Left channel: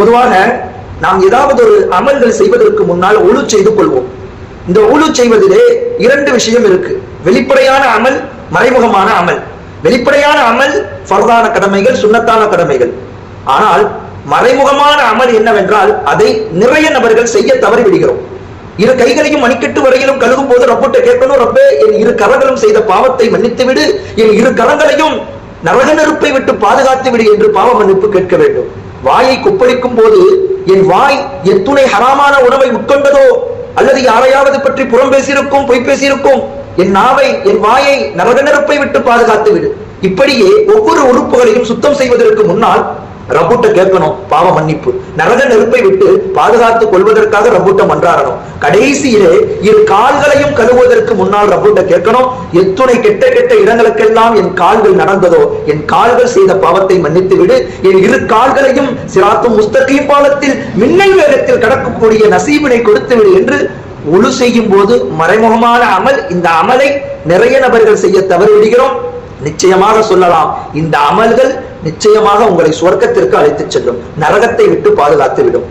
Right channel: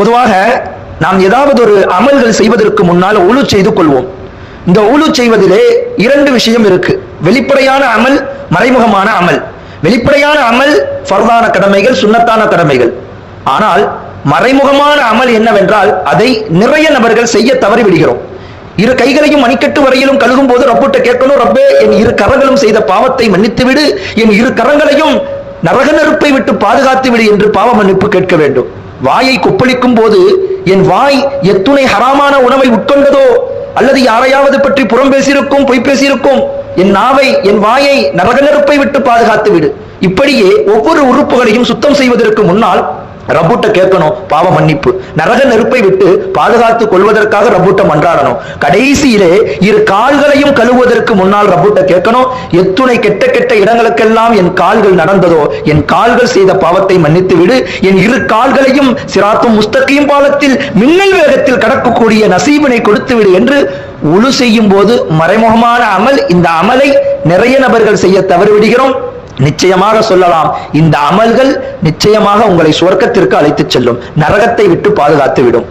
பொதுவாக நாம் ஏதாவது ஒரு அமல்கள் செய்வதற்கு முன்னால் உழு செய்து கொள்வோம். இந்த உழு செய்வதிலே இரண்டு விஷயம் இருக்கு. வெளிப்படையான அமல், மறைமுகமான அமல். வெளிப்படையான அமல் ஃபர்தான கடமைகள், சுன்னத்தான கடமைகள். ஆனால் மறைமுகமான அமல் என்னவென்றால் அதை நிறைய நபர்கள் செய்ய தவறி விடுகிறோம். இரு கைகளையும் மணிக்கட்டு வரையிலும் கழுகும் போது ரப்பிட்ட கேட்கணும், ரப்பே என் இரு கரங்களும் செய்த பாவத்தை மன்னித்து விடு, என் இரு கரங்களையும் நரக நெருப்பை விட்டு பாதுகாத்து விடு என்று பாவ மன்னிப்பு கேட்க வேண்டும். வாயை கொப்பளிக்கும் போது என் வாய் எத்துணை ஹராமான உணவை உட்கொண்டதோ அல்லது யாரையாவது பற்றி புறம் பேசியிருக்கும், பொய் பேசியிருக்கும், என் நாவை என் வாயை நரக நெருப்பை விட்டு பாதுகாத்து விடு. இப்படியே ஒவ்வொரு உறுப்புகளையும் சுத்தம் செய்வதற்கு முன்னால் ரப்புட்ட கேட்கணும் பாவ மன்னிப்பு, நரக நெருப்பை விட்டு பாதுகாத்துக் கொள்வதற்காக ரப்புட்ட மன்றாடணும். கடைசியிலே இரு கால்களையும் கழுவுவதற்கு முன்னால் ரப்புட்ட கேட்கணும், எத்துணை கெட்ட கெட்ட இடங்களுக்கெல்லாம் என் கால்கள் நடந்ததோ என் கால்கள் செய்த பாவத்தை மன்னித்து விடு, என் இரு கால்களையும் சிராத்தும் முஸ்தகீம் பாலத்தில் மின்னல் வேகத்தில் கடக்கக்கூடிய நசீபினை கொடுத்து விடு என்று உழு செய்யும் போது மறைமுகமான அமல். இந்த அமலை நிறைய நபர்கள் செய்ய தவறு விடுகிறோம். நிச்சயமாக சொல்லலாம், இந்த அமல்கள் நிச்சயமாக உங்களை சுவர்க்கத்திற்கு அழைத்துச் செல்லும், நரகத்தை விட்டு பாதுகாத்து விடும்.